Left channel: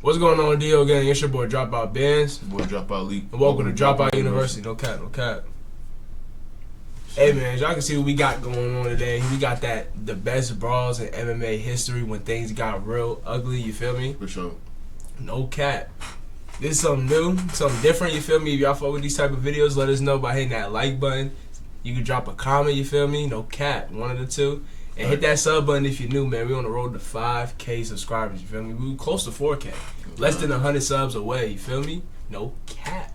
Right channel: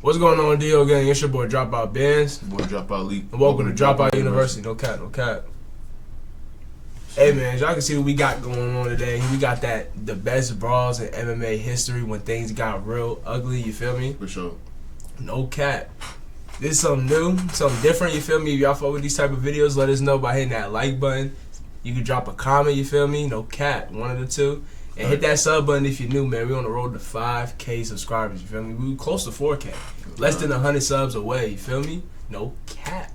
What's going on, Dio gang? It's your boy Dropout Bands. Your boy Dropout League. And welcome to Dropout University. No cap, no cap. Hey man, as y'all can see what we got going on today. We got the best brawls in MMA history when things got real ugly, you feel me? For sure. No cap. This is something new, something different, you feel me? If y'all fuck with these type of videos, let us know by hitting that like button. You can drop a comment, you feel me? No cap, one of the two. And hit that sub button if you're new, man. We on the road to 5K subscribers, you feel me? We close to 4K. Less than 100 subs away, you feel me? No cap.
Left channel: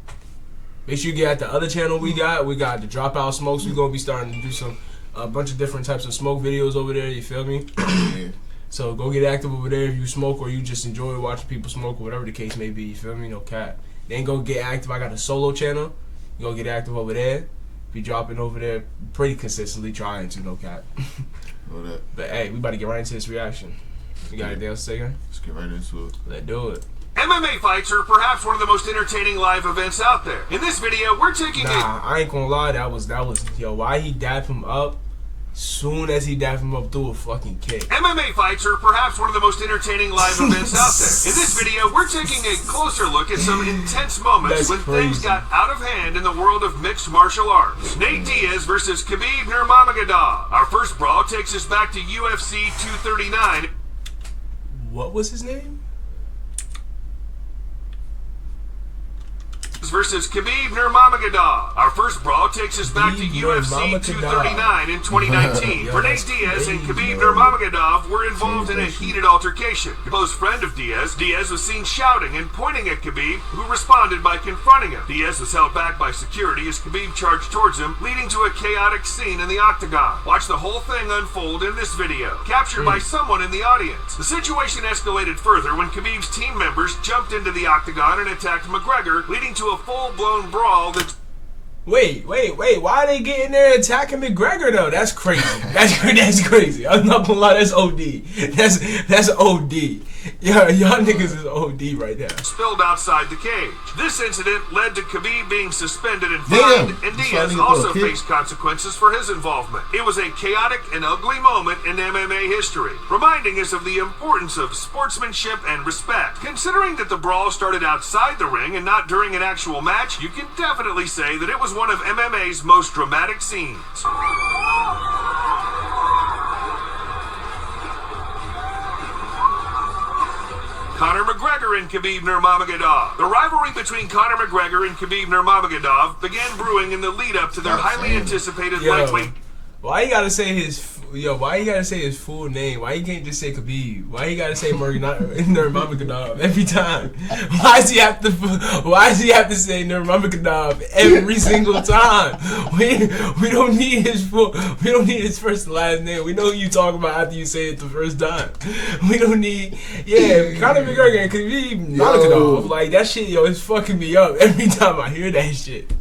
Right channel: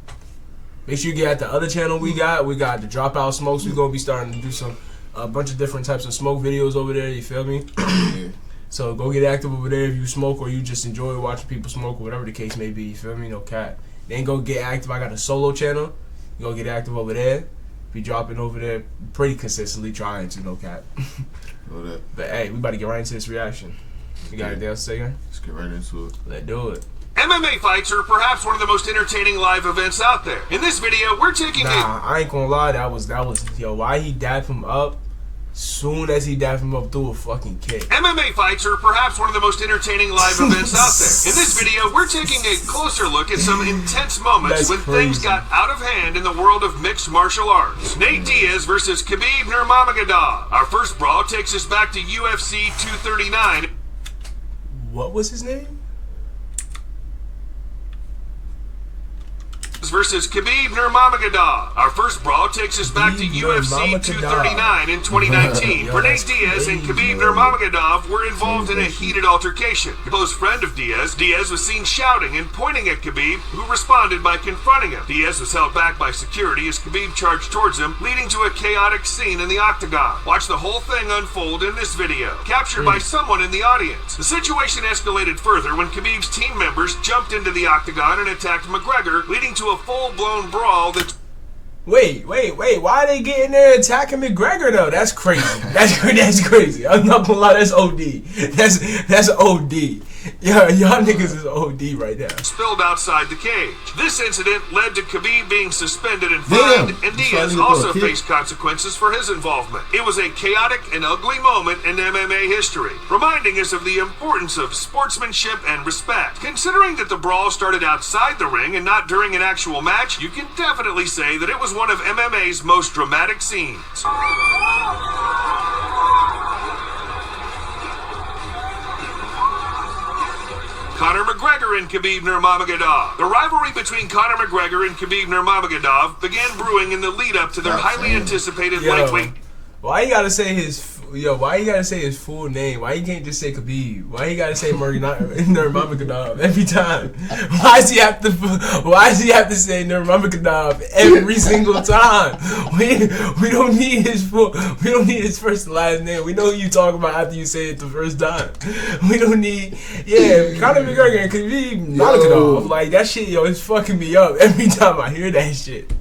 Make sure you get at the other channel we got. We got the Dropout Smokes. We're going to be starting to do a bunch of different types of smoke videos over there, you feel me? Yeah. So go get active over there if you smoke or you just enjoy watching people smoke or whatever the case may be, you feel me? No cap. Then go get active. I got a solo channel. You go get active over there. Be dropping over there pretty consistently, trying to, no cap. But hey, we about to get right into this reaction. You got anything else to say, guys? Let's get right into it. Let's do it. MMA fights are perhaps one of the most entertaining live events out there. In this video, we're taking I ain't gonna lie, that was yo, why he dapped him up? Soon as he dapped him up, threw a fucking kick. MMA fights are perhaps one of the most entertaining live events out there. In this video, we're taking a closer look at some intense moments when things got out of hand in the world of mixed martial arts. Nate Diaz versus Khabib Nurmagomedov. Our first brawl takes us back to UFC 239. What was his name? Versus Khabib Nurmagomedov. Our first brawl takes us back to UFC 239 in 2019. Nate Diaz and Khabib Nurmagomedov were involved in a heated altercation. A close friend of Diaz was seen shouting and pointing at Khabib, who responded by confronting him. Diaz was held back by security as Khabib charged towards him, leading to a chaotic scene in the octagon. Watch the whole thing unfold in this video, captured by someone in the audience. The situation escalated further when Khabib's team members jumped into the octagon and attacked McGregor, leading to a full-blown brawl that... Wait, why are they getting there attacking McGregor though? That's crazy. That's crazy. I'm not gonna lie, that's OD. That's OD. Yeah, y'all niggas is OD right now. Spilled outside the cage. This incident led to Khabib being suspended and fined, and Diaz also faced consequences for his involvement. It was a chaotic and ugly moment in MMA history, reminding us of the importance of sportsmanship and respect. Considering that the brawl started outside the ring and not during an actual match, you can definitely say that it was one of MMA's most dramatic scenes. Conor McGregor and Khabib Nurmagomedov. The rivalry between Conor McGregor and Khabib Nurmagomedov began brewing in the lead-up to their highly anticipated lightweight. Why you gotta say his full name? Why you can't just say Khabib? Why you gotta say Nurmagomedov every time? Why does he have to say Nurmagomedov every single time? We don't need his first and last name. We know who you talk about after you say it the first time. We don't need Conor McGregor and Khabib Nurmagomedov. Like that shit, yo, it's fucking me up every time I hear that shit.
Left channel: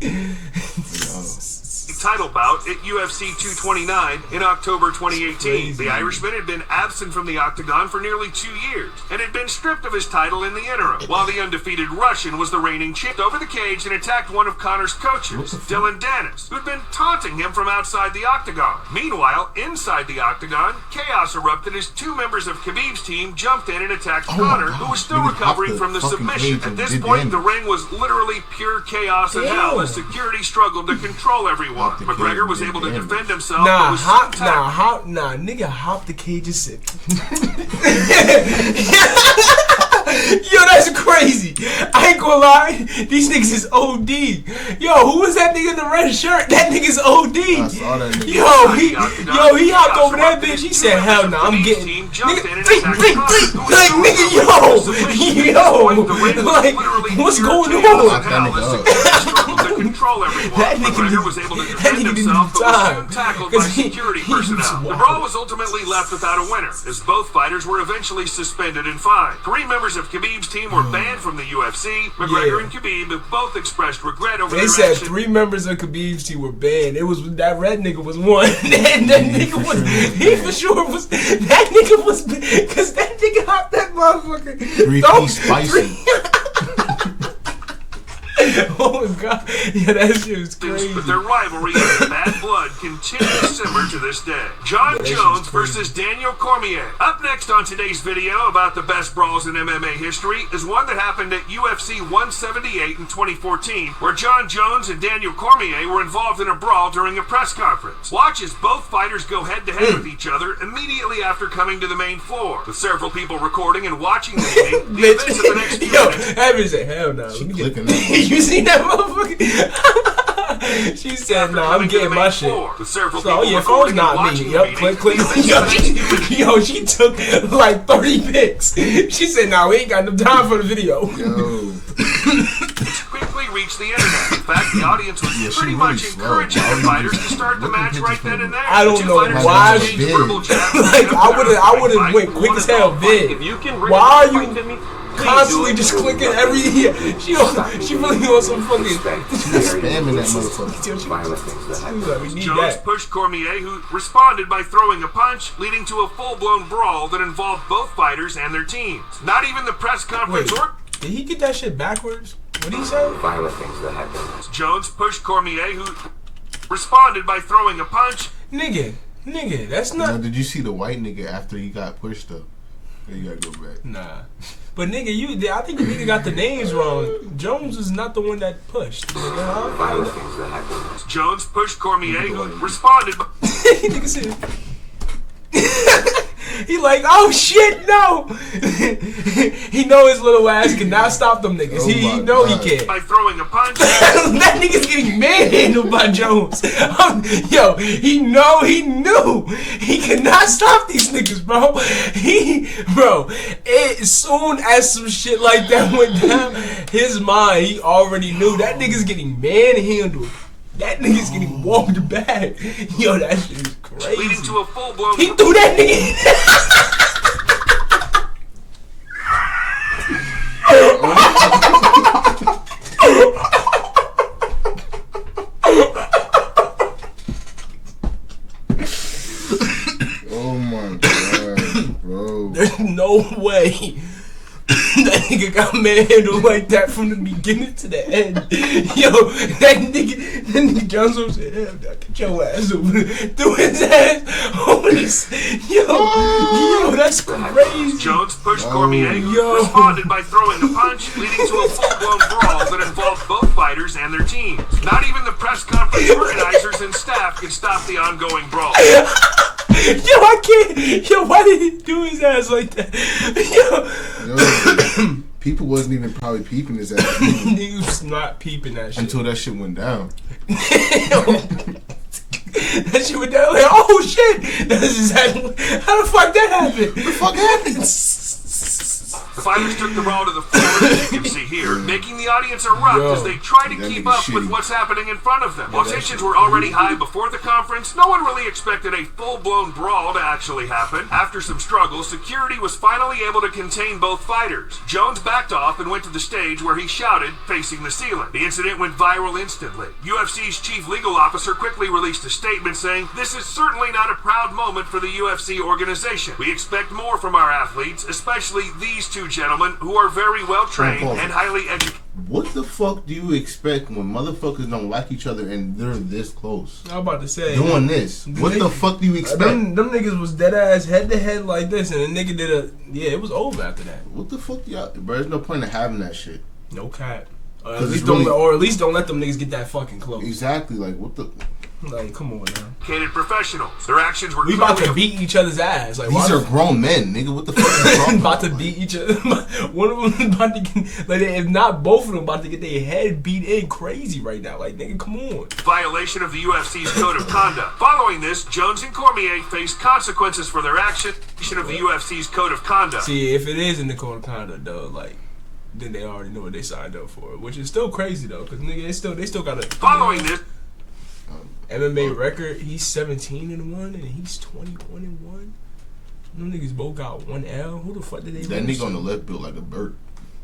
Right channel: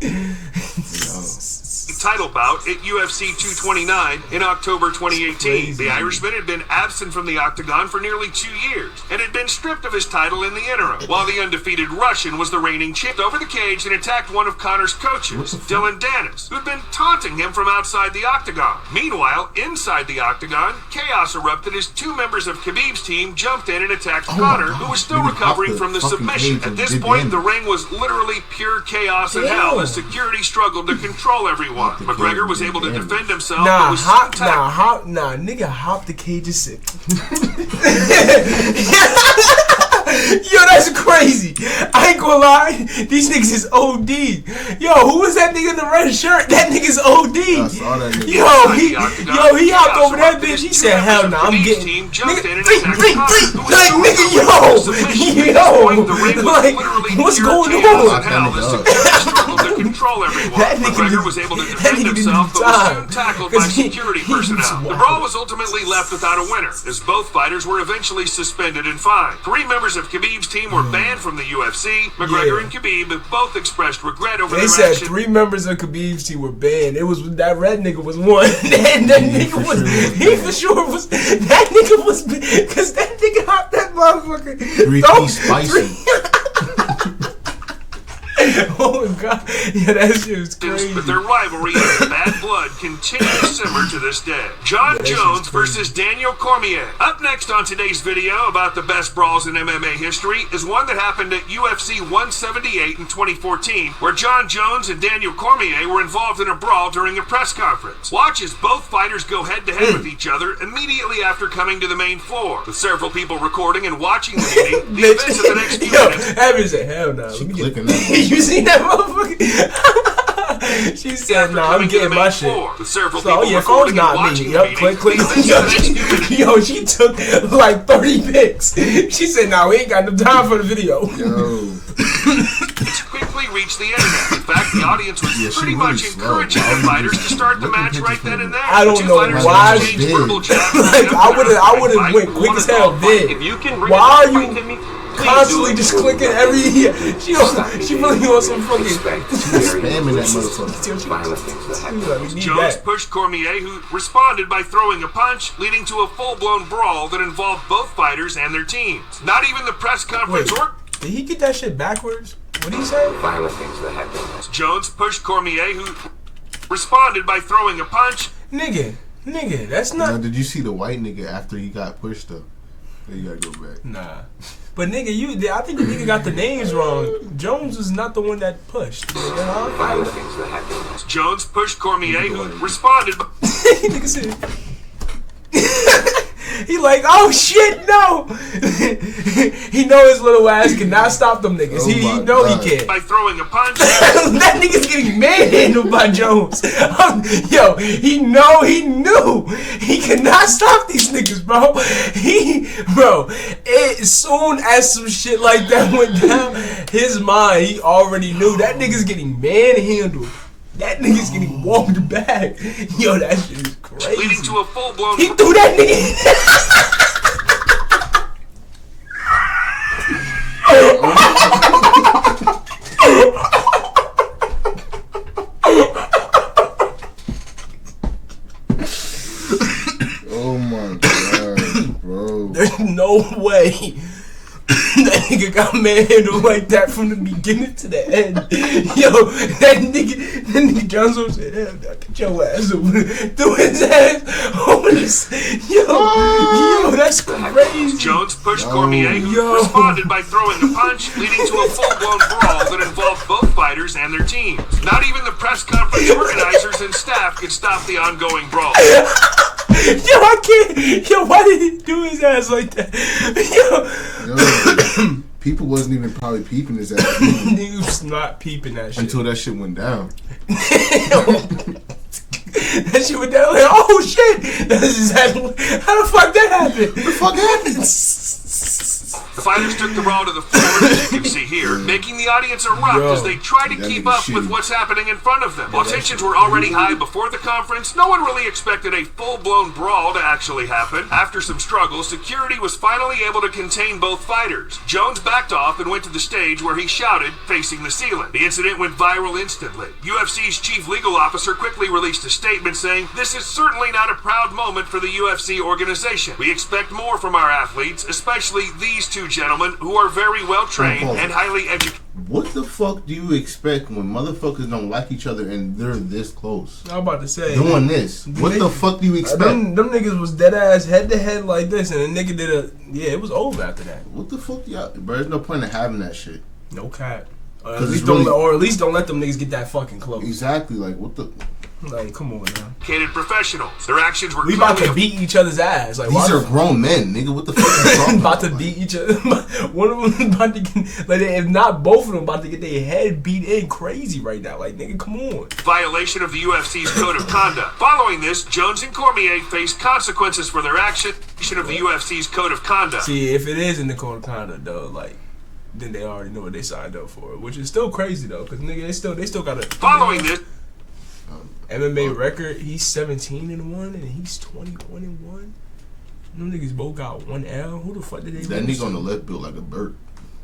Title bout at UFC 229 in October 2018. Crazy. The Irishman had been absent from the octagon for nearly 2 years and had been stripped of his title in the interim, while the undefeated Russian was the reigning champ. Over the cage and attacked one of Conor's coaches, Dylan Dennis, who'd been taunting him from outside the octagon. Meanwhile, inside the octagon, chaos erupted as two members of Khabib's team jumped in and attacked Conor, who was still recovering from the submission. At this point, the ring was literally pure chaos and hell as security struggled to control everyone. McGregor was able to defend himself. Nigga, hop the cage and sit. Yo, that's crazy. I ain't gonna lie. These niggas is OD. Yo, who was that nigga in the red shirt? That nigga's OD. I saw that nigga. He hopped over that bitch. He said, hell no, I'm getting... Nigga, like, nigga, like, what's going on? That nigga was able to defend himself, but was soon tackled by security personnel. The brawl was ultimately left without a winner, as both fighters were eventually suspended and fined. 3 members of Khabib's team were banned from the UFC. McGregor and Khabib have both expressed regret over their action. They said 3 members of Khabib's team were banned. It was that red nigga was one. And that nigga was, he for sure was, that nigga was, because that nigga hopped that motherfucker. 3-piece spicy. Oh god, yeah, that shit was crazy. But their rivalry and bad blood continue to simmer to this day. John Jones versus Daniel Cormier. Up next on today's video about the best brawls in MMA history is one that happened at UFC 178 in 2014, where John Jones and Daniel Cormier were involved in a brawl during a press conference. Watch as both fighters go head-to-head with each other immediately after coming to the main floor, with several people recording and watching the meeting. The events of the next yo, Abby said, hell no. You seen that motherfucker? She said, no, I'm getting my shit. So, yeah, phone's not me. Yep, click. Yo, she took like 30 pics. She said, no, we ain't got no time for the video. Yo. Quickly reached the internet. In fact, the audience was pretty much encouraging the fighters to start the match right then and there. I don't know why she did. Like, I would have went quick as hell vid. Why are you constantly just clicking every she really wants some fucking spamming that motherfucker. Jones pushed Cormier, who responded by throwing a punch, leading to a full-blown brawl that involved both fighters and their teams. Not even the press conference did he get that shit backwards? What did he say? Violent things that happen. Jones pushed Cormier, who responded by throwing a punch. Nigga, that's not. Now, did you see the white nigga after he got pushed up? You gotta go back. Nah. But nigga, I think the nigga got the names wrong. Jones is not the one that pushed. Nigga, huh? Violent things that happen. Jones pushed Cormier, who responded. Nigga said. He like, oh shit, no. He know his little ass cannot stop them niggas. He know he can. By throwing a punch. That nigga's getting manhandled by Jones. Yo, he knew he cannot stop these niggas, bro. As soon as some shit like that went down, his mind, he already knew that nigga's getting manhandled. That nigga's getting warmed back. Yo, that shit is crazy. Leading to a full-blown. He threw that nigga. Oh my god, bro. There's no way that nigga got manhandled like that from the beginning to the end. Yo, that nigga Johnson said, hell, get your ass over. Threw his ass over this. Yo, that's crazy. Jones pushed Cormier, who responded by throwing a punch, leading to a full-blown brawl that involved both fighters and their teams. Not even the press conference organizers and staff could stop the ongoing brawl. Yo, I can't. Yo, why did he do his ass like that? Yo, people wasn't even probably peeping his ass. Niggas was not peeping that shit until that shit went down. That shit went down like, oh shit! That's exactly how the fuck that happened. What the fuck happened? The fighters took the brawl to the floor, as you can see here, making the audience erupt as they try to keep up with what's happening in front of them. While tensions were already high before the conference, no one really expected a full-blown brawl to actually happen. After some struggle, security was finally able to contain both fighters. Jones backed off and went to the stage where he shouted, facing the ceiling. The incident went viral instantly. UFC's chief legal officer quickly released a statement saying, "This is certainly not a proud moment for the UFC organization. We expect more from our athletes, especially these two gentlemen who are very well trained and highly educated." What the fuck do you expect when motherfuckers don't like each other and they're this close? I'm about to say doing this. What the fuck do you expect? Them niggas was dead ass head to head like this, and the nigga did it was over after that. What the fuck, y'all? Bro, there's no point in having that shit. No cap. Or at least don't let them niggas get that fucking close. Exactly. Like what the. Like, come on now. Professionals. Their actions were. We about to beat each other's ass. Like, these are grown men, nigga. What the fuck are you talking about to beat each other. One of them about to get, like, if not both of them, about to get their head beat in crazy right now. Like, nigga, come on. Violation of the UFC's code of conduct. Following this, Jones and Cormier faced consequences for their action of the UFC's code of conduct. See, if it is in the code of conduct, though, like, then they already know what they signed up for, which is still crazy though, because nigga, they still got to. Following this. MMA record, he's 17-1 and he's 21-1. Them niggas both got 1 L. Who the fuck did they? That nigga on the left built like a bird.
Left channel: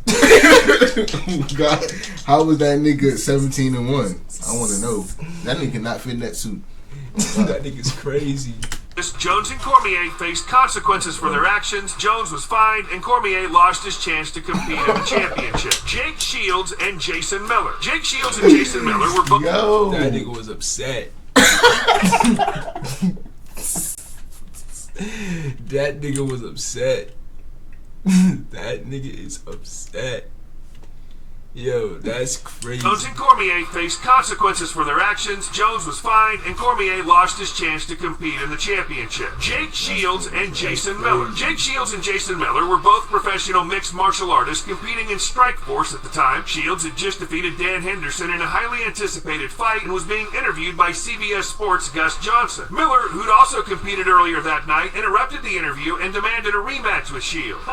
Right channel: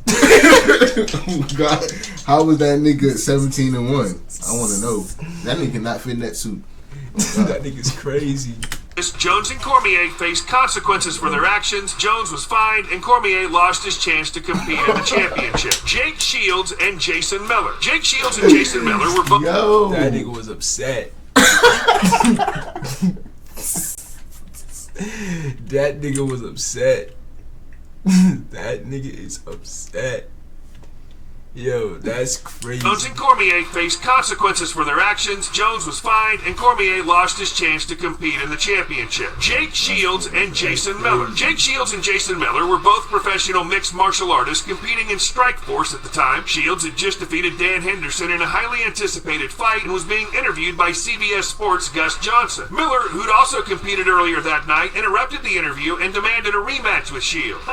Oh God, how was that nigga 17-1? I want to know. That nigga not fit in that suit. That nigga's crazy. Jones and Cormier faced consequences for their actions. Jones was fined, and Cormier lost his chance to compete in the championship. Jake Shields and Jason Miller. Jake Shields and Jason Miller were both. Yo. That nigga was upset. That nigga was upset. That nigga is upset. Yo, that's crazy. Jones and Cormier faced consequences for their actions. Jones was fined, and Cormier lost his chance to compete in the championship. Jake Shields and Jason Miller. Jake Shields and Jason Miller were both professional mixed martial artists competing in Strikeforce at the time. Shields had just defeated Dan Henderson in a highly anticipated fight and was being interviewed by CBS Sports' Gus Johnson. Miller, who'd also competed earlier that night, interrupted the interview and demanded a rematch with Shields.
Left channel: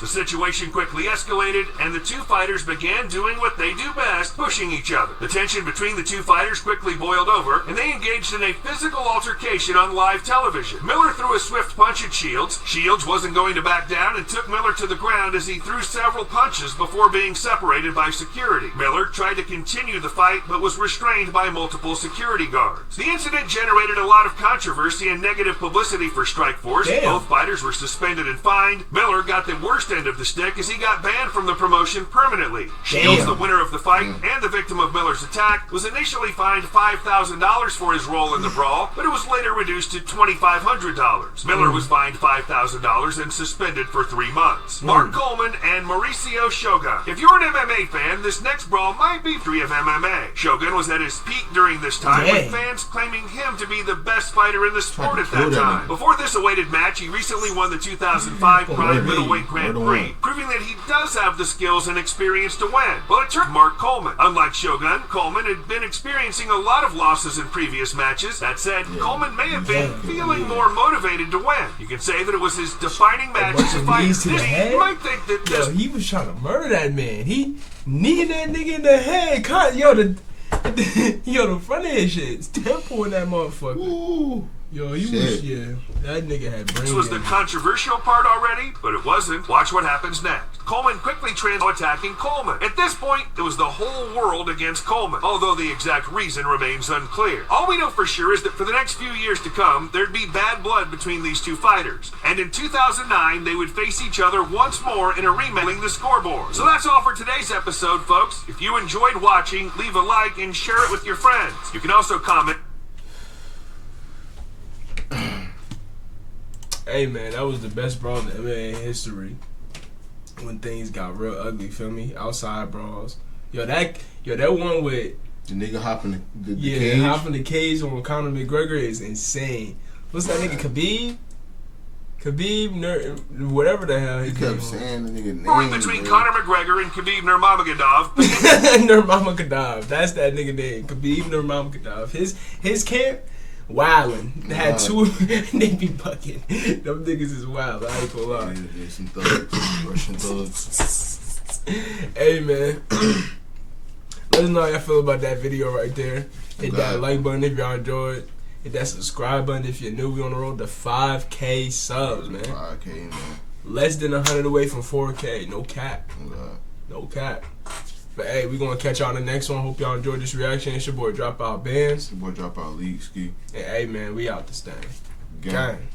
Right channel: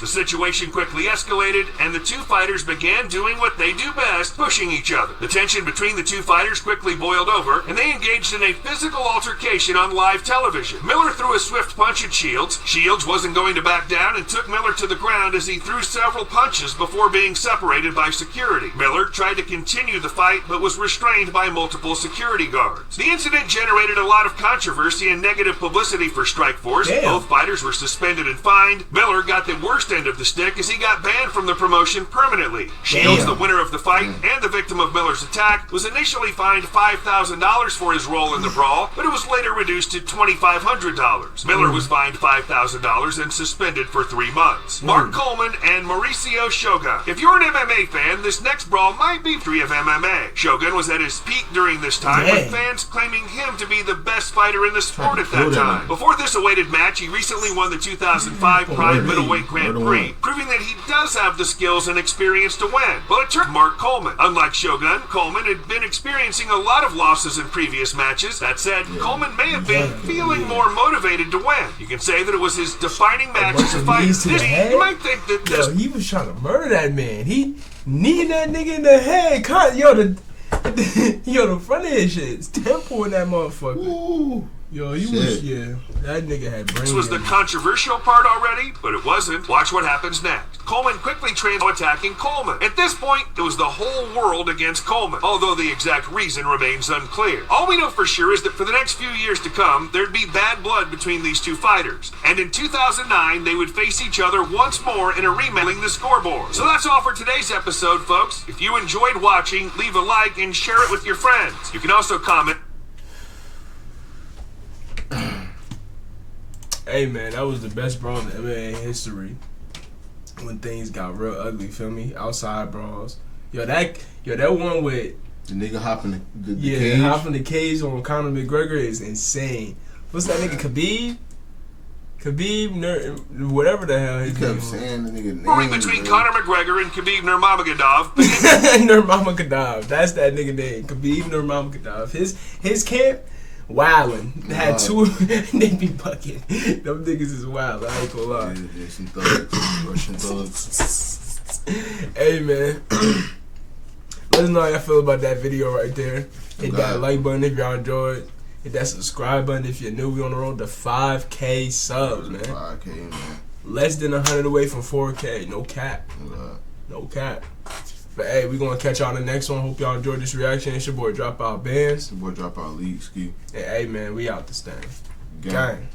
The situation quickly escalated, and the two fighters began doing what they do best, pushing each other. The tension between the two fighters quickly boiled over, and they engaged in a physical altercation on live television. Miller threw a swift punch at Shields. Shields wasn't going to back down and took Miller to the ground as he threw several punches before being separated by security. Miller tried to continue the fight, but was restrained by multiple security guards. The incident generated a lot of controversy and negative publicity for Strikeforce. Damn. Both fighters were suspended and fined. Miller got the worst end of the stick as he got banned from the promotion permanently. Shields, the winner of the fight and the victim of Miller's attack, was initially fined $5,000 for his role in the brawl, but it was later reduced to $2,500. Miller was fined $5,000 and suspended for 3 months. Mark Coleman and Mauricio Shogun. If you're an MMA fan, this next brawl might be free of MMA. Shogun was at his peak during this time, with fans claiming him to be the best fighter in the sport at that time. Before this awaited match, he recently won the 2005 Prime Middleweight Grand Prix, proving that he does have the skills and experience to win. But it took Mark Coleman. Unlike Shogun, Coleman had been experiencing a lot of losses in previous matches. That said, Coleman may have been feeling more motivated to win. You can say that it was his defining match as a fighter. You might think that Yo, he was trying to murder that man. He kneed that nigga in the head. Yo, the front of his shit, temple in that motherfucker. Ooh. Yo, he was, that nigga had brain. this was the controversial part already, but it wasn't. Watch what happens next. Coleman quickly attacking Coleman. At this point, it was the whole world against Coleman, although the exact reason remains unclear. All we know for sure is that for the next few years to come, there'd be bad blood between these two fighters. And in 2009, they would face each other once more in a rematch the scoreboard. So that's all for today's episode, folks. If you enjoyed watching, leave a like and share it with your friends. You can also comment. Hey man, that was the best brawl in MMA history. When things got real ugly, feel me? Outside brawls. Yo, that one with the nigga hopping the cage. hopping the cage on Conor McGregor is insane. What's that nigga Khabib? Whatever the hell his He name kept was. saying the nigga name. Moving between Conor McGregor and Khabib Nurmagomedov. Nurmagomedov. That's that nigga name. Khabib Nurmagomedov. His camp. Wildin'. Had two. They be bucking. Them niggas is wild. I ain't gonna lie. Yeah, some thugs, Russian thugs. Hey man, let us know how y'all feel about that video right there. Hit that like button if y'all enjoyed. Hit that subscribe button if you're new. We on the road to 5K subs, man. 5K, man. Less than 100 away from 4K. No cap. No cap. But hey, we gonna catch y'all in the next one. Hope y'all enjoyed this reaction. It's your boy Dropout Bands. Your boy Dropout League Ski. And hey man, we out this thing. Gang. Gang.